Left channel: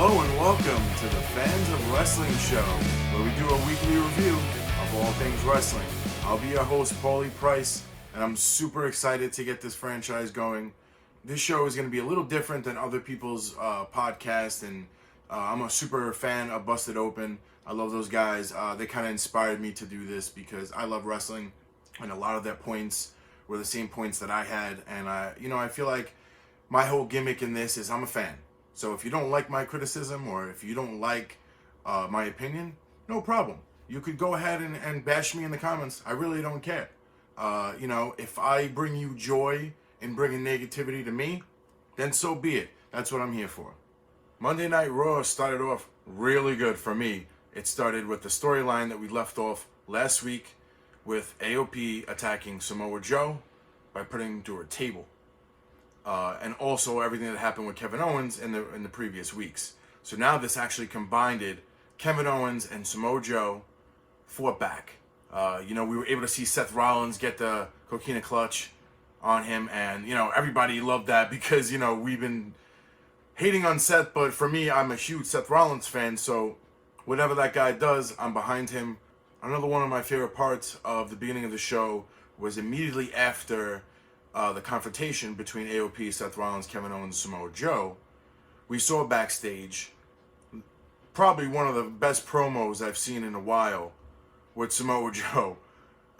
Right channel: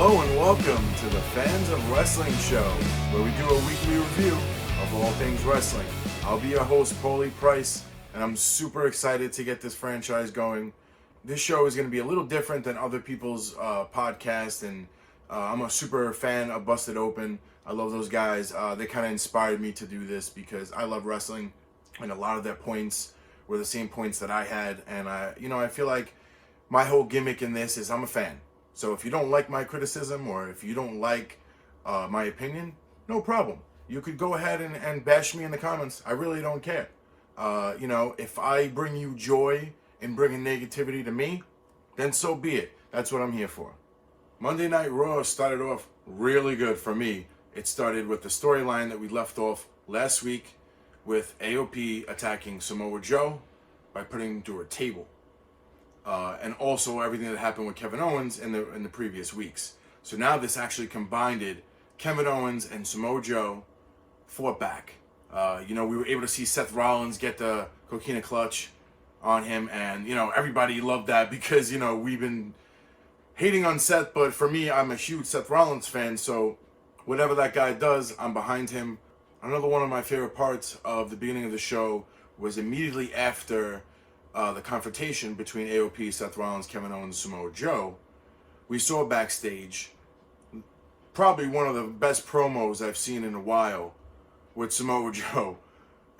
Hello and welcome to the Fans of Wrestling Show, where we do a weekly review of all things wrestling. I'll be your host, Paulie Price, and I'm super excited to get this franchise going. This show is going to be a little different than other people's podcasts, and I'm a super fan of Busted Open. I love those guys. They kind of inspired me to do this because I love wrestling, and a lot of their points were the same points that I had, and I feel like my whole gimmick in this is I'm a fan. So if you don't like my criticism or if you don't like my opinion, no problem. You could go ahead and bash me in the comments. I really don't care. If I bring you joy in bringing negativity to me, then so be it. That's what I'm here for. Monday Night Raw started off really good for me. It started with the storyline that we left off last week with AOP attacking Samoa Joe by putting him through a table. And also everything that happened with Kevin Owens in the previous weeks. So now this actually combined it. Kevin Owens and Samoa Joe fought back. We were able to see Seth Rollins get the coquina clutch on him, and everybody loved that because we've been hating on Seth, but for me, I'm a huge Seth Rollins fan, so whatever that guy does, I'm behind him. Another one of my favorite parts of the beginning of the show was immediately after the confrontation between AOP, Seth Rollins, Kevin Owens, and Samoa Joe. We saw backstage probably one of the best promos I've seen in a while with Samoa Joe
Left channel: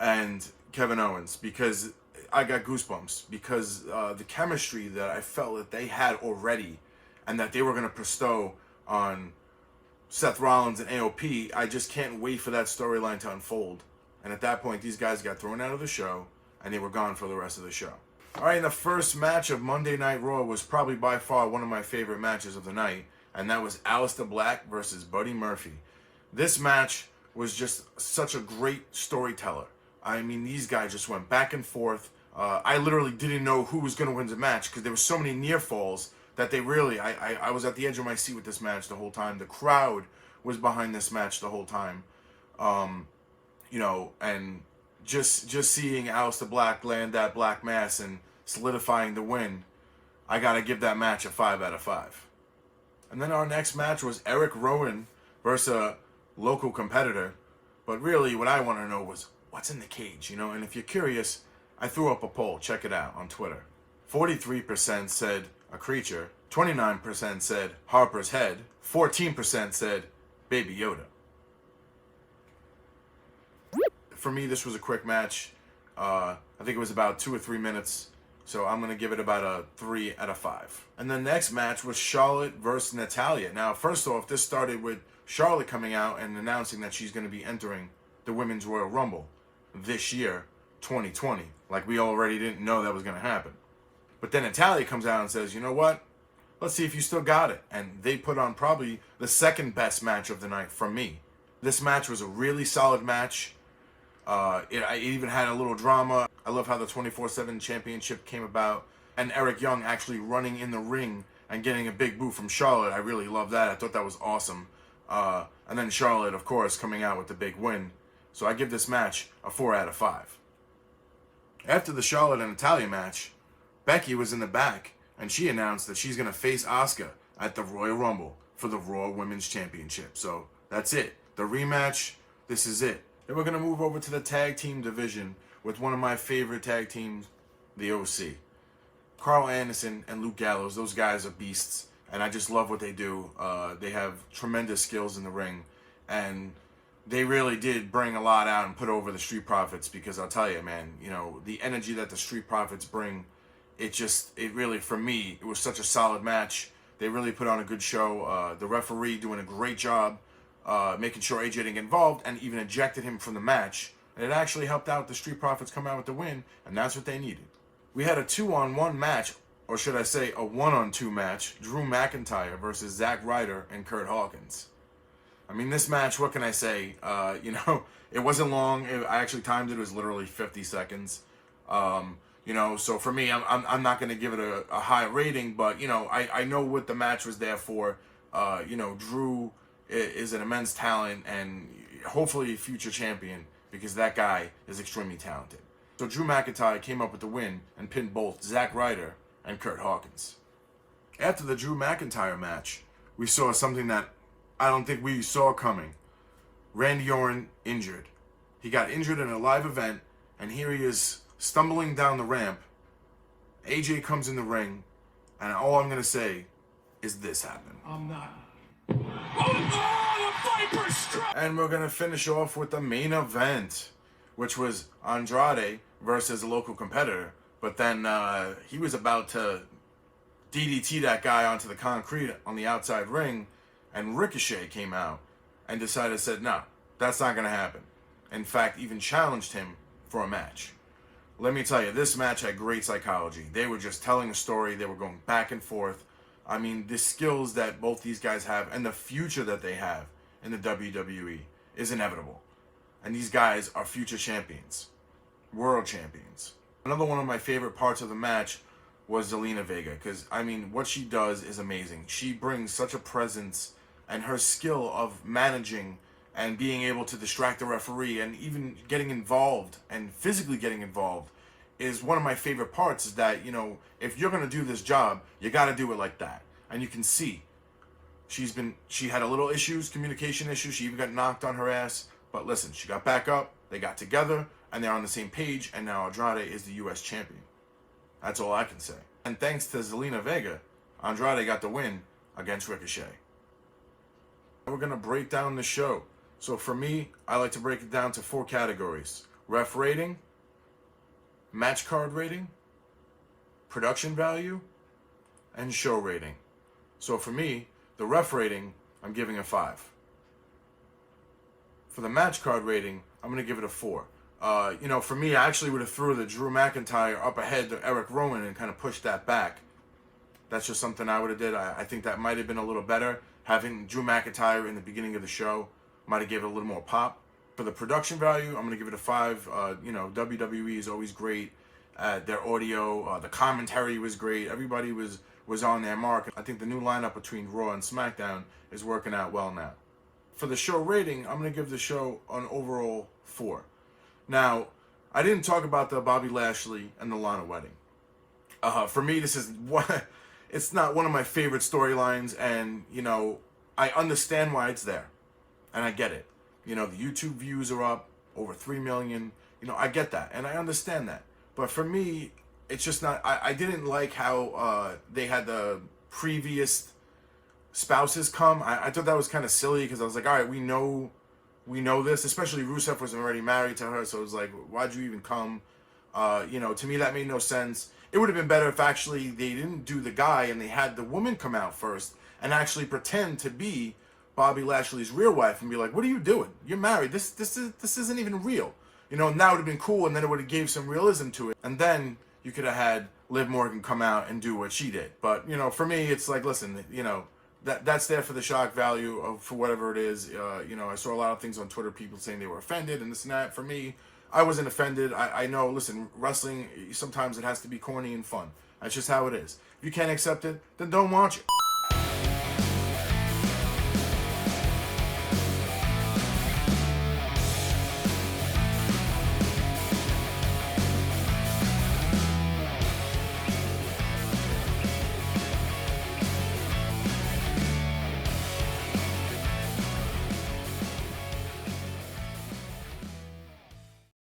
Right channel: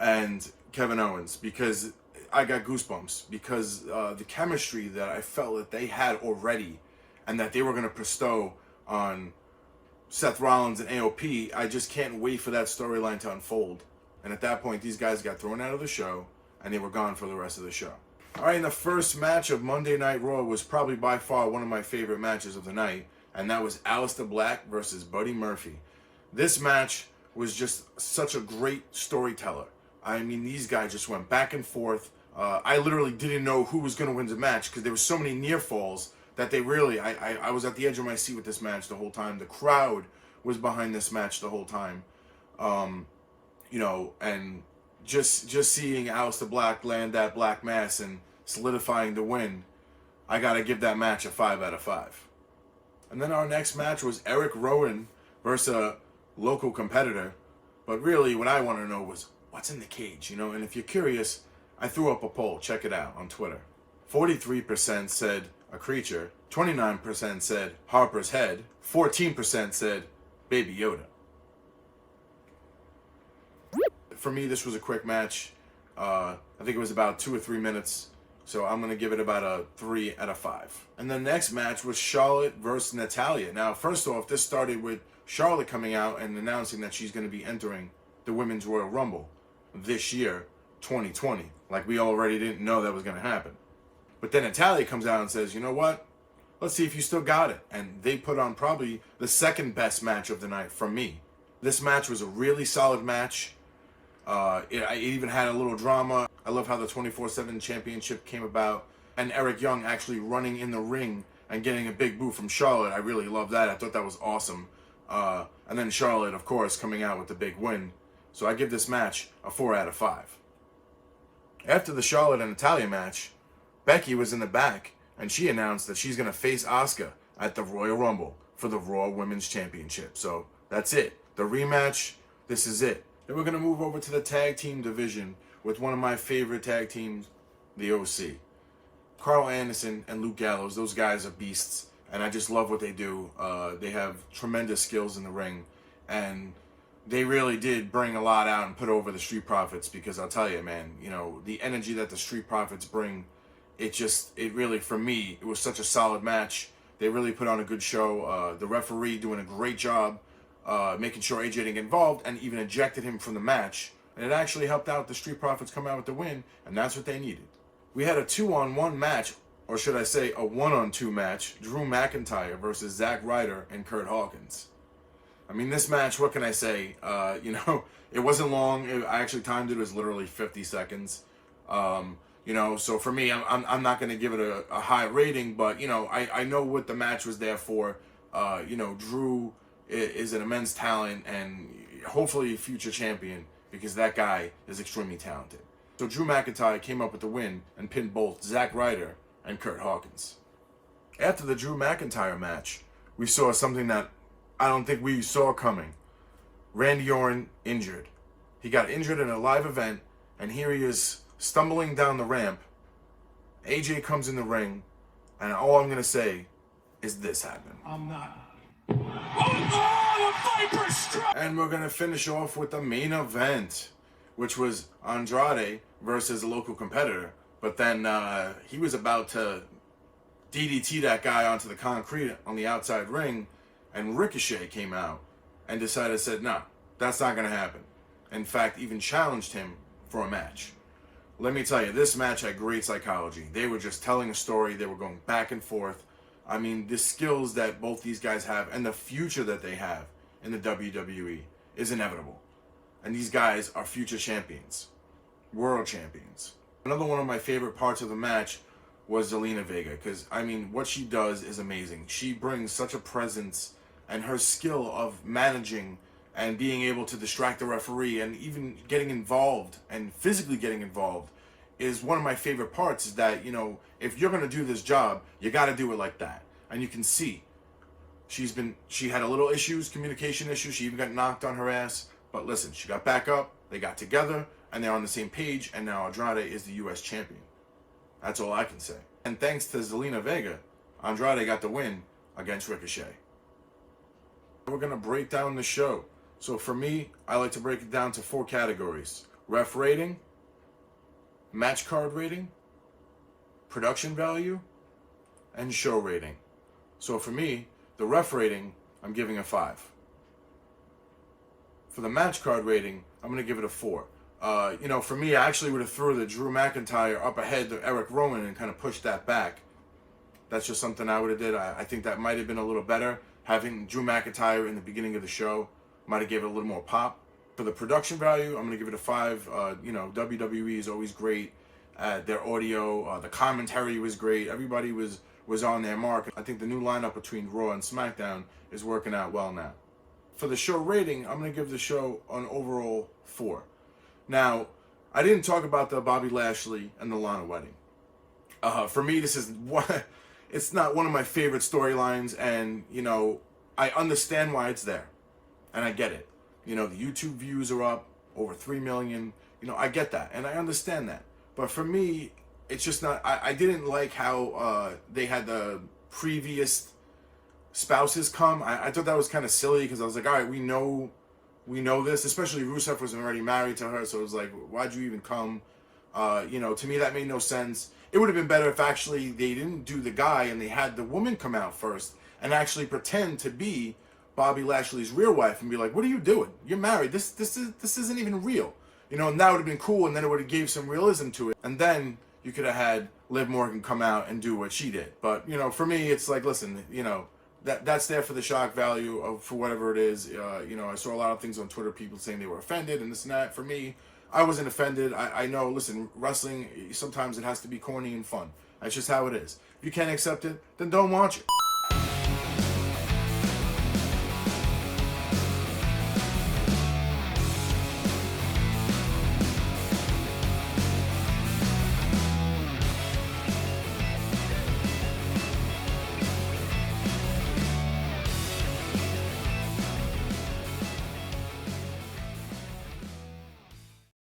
and Kevin Owens, because I got goosebumps because the chemistry that I felt that they had already and that they were going to bestow on Seth Rollins and AOP, I just can't wait for that storyline to unfold. And at that point, these guys got thrown out of the show and they were gone for the rest of the show. All right, the first match of Monday Night Raw was probably by far one of my favorite matches of the night, and that was Aleister Black versus Buddy Murphy. This match was just such a great storyteller. I mean, these guys just went back and forth. I literally didn't know who was going to win the match because there were so many near falls that they really, I was at the edge of my seat with this match the whole time. The crowd was behind this match the whole time. And just seeing Aleister Black land that black mass and solidifying the win, I got to give that match a 5 out of 5. And then our next match was Eric Rowan versus a local competitor. But really, what I want to know was, what's in the cage, And if you're curious, I threw up a poll. Check it out on Twitter. 43% said a creature. 29% said Harper's head. 14% said Baby Yoda. For me, this was a quick match. I think it was about 2 or 3 minutes. So I'm going to give it about a 3 out of 5. And the next match was Charlotte versus Natalya. Now, first off, this started with Charlotte coming out and announcing that she's going to be entering the Women's Royal Rumble this year, 2020. Like we already didn't know that was going to happen. But then Natalya comes out and says, you know what? Let's see if you still got it. And they put on probably the second best match of the night from me. This match was a really solid match. It even had a little drama. I love how the 24/7 championship came about. And Eric Young actually running in the ring and getting a big boo from Charlotte. I really love that. I thought that was awesome. And then Charlotte, of course, coming out with the big win. So I give this match a 4 out of 5. After the Charlotte and Natalya match, Becky was in the back, and she announced that she's going to face Asuka at the Royal Rumble for the Raw Women's Championship. So that's it. The rematch, this is it. Then we're going to move over to the tag team division with one of my favorite tag teams, the OC. Carl Anderson and Luke Gallows, those guys are beasts, and I just love what they do. They have tremendous skills in the ring, and they really did bring a lot out and put over the Street Profits, because I'll tell you, man, the energy that the Street Profits bring, it really, for me, it was such a solid match. They really put on a good show. The referee doing a great job, making sure AJ didn't get involved, and even ejected him from the match. And it actually helped out the Street Profits come out with the win, and that's what they needed. We had a 2-on-1 match, or should I say a 1-on-2 match, Drew McIntyre versus Zack Ryder and Kurt Hawkins. I mean, this match, what can I say? It wasn't long. I actually timed it. It was literally 50 seconds. So for me, I'm not going to give it a high rating, but, I know what the match was there for. Drew is an immense talent and hopefully a future champion, because that guy is extremely talented. So Drew McIntyre came up with the win and pinned both Zack Ryder and Kurt Hawkins. After the Drew McIntyre match, we saw something that I don't think we saw coming. Randy Orton injured. He got injured in a live event, and here he is stumbling down the ramp. AJ comes in the ring, and all I'm going to say is this happened. I'm not. And we're going to finish off with the main event, which was Andrade versus a local competitor. But then he was about to DDT that guy onto the concrete on the outside ring, and Ricochet came out and said, no, that's not going to happen. In fact, even challenged him for a match. Let me tell you, this match had great psychology. They were just telling a story. They were going back and forth. I mean, the skills that both these guys have and the future that they have in the WWE is inevitable. And these guys are future champions, world champions. Another one of my favorite parts of the match was Zelina Vega, because, I mean, what she does is amazing. She brings such a presence, and her skill of managing and being able to distract the referee and even getting involved and physically getting involved is one of my favorite parts. Is that, you know, if you're going to do this job, you got to do it like that. And you can see she had a little issues, communication issues. She even got knocked on her ass. But listen, she got back up, they got together, and they're on the same page, and now Andrade is the U.S. champion. That's all I can say. And thanks to Zelina Vega, Andrade got the win against Ricochet. We're going to break down the show. So for me, I like to break it down to 4 categories: ref rating, match card rating, production value, and show rating. So for me, the ref rating, I'm giving a 5. For the match card rating, I'm going to give it a 4. You know, for me, I actually would have threw the Drew McIntyre up ahead to Eric Rowan and kind of pushed that back. That's just something I would have did. I think that might have been a little better. Having Drew McIntyre in the beginning of the show might have given it a little more pop. For the production value, I'm going to give it a 5. You know, WWE is always great. Their audio, the commentary was great. Everybody was on their mark. I think the new lineup between Raw and SmackDown is working out well now. For the show rating, I'm going to give the show an overall 4. Now, I didn't talk about the Bobby Lashley and the Lana wedding. For me, this is it's not one of my favorite storylines, and, you know, I understand why it's there. And I get it. You know, the YouTube views are up over 3 million. You know, I get that, and I understand that. But for me, it's just not, I didn't like how they had the previous spouses come. I thought that was kind of silly, because I was like, all right, we know this, especially Rusev was already married to her, so it was like, why'd you even come? You know, to me, that made no sense. It would have been better if actually they didn't do the guy and they had the woman come out first and actually pretend to be Bobby Lashley's real wife and be like, what are you doing? You're married. This isn't even real. You know, and that would have been cool, and then it would have gave some realism to it. And then you could have had Liv Morgan come out and do what she did. But, you know, for me, it's like, listen, you know, that's there for the shock value of, for whatever it is. You know, I saw a lot of things on Twitter, people saying they were offended and this and that. For me, I wasn't offended. I know, listen, wrestling, sometimes it has to be corny and fun. That's just how it is. If you can't accept it, then don't watch it.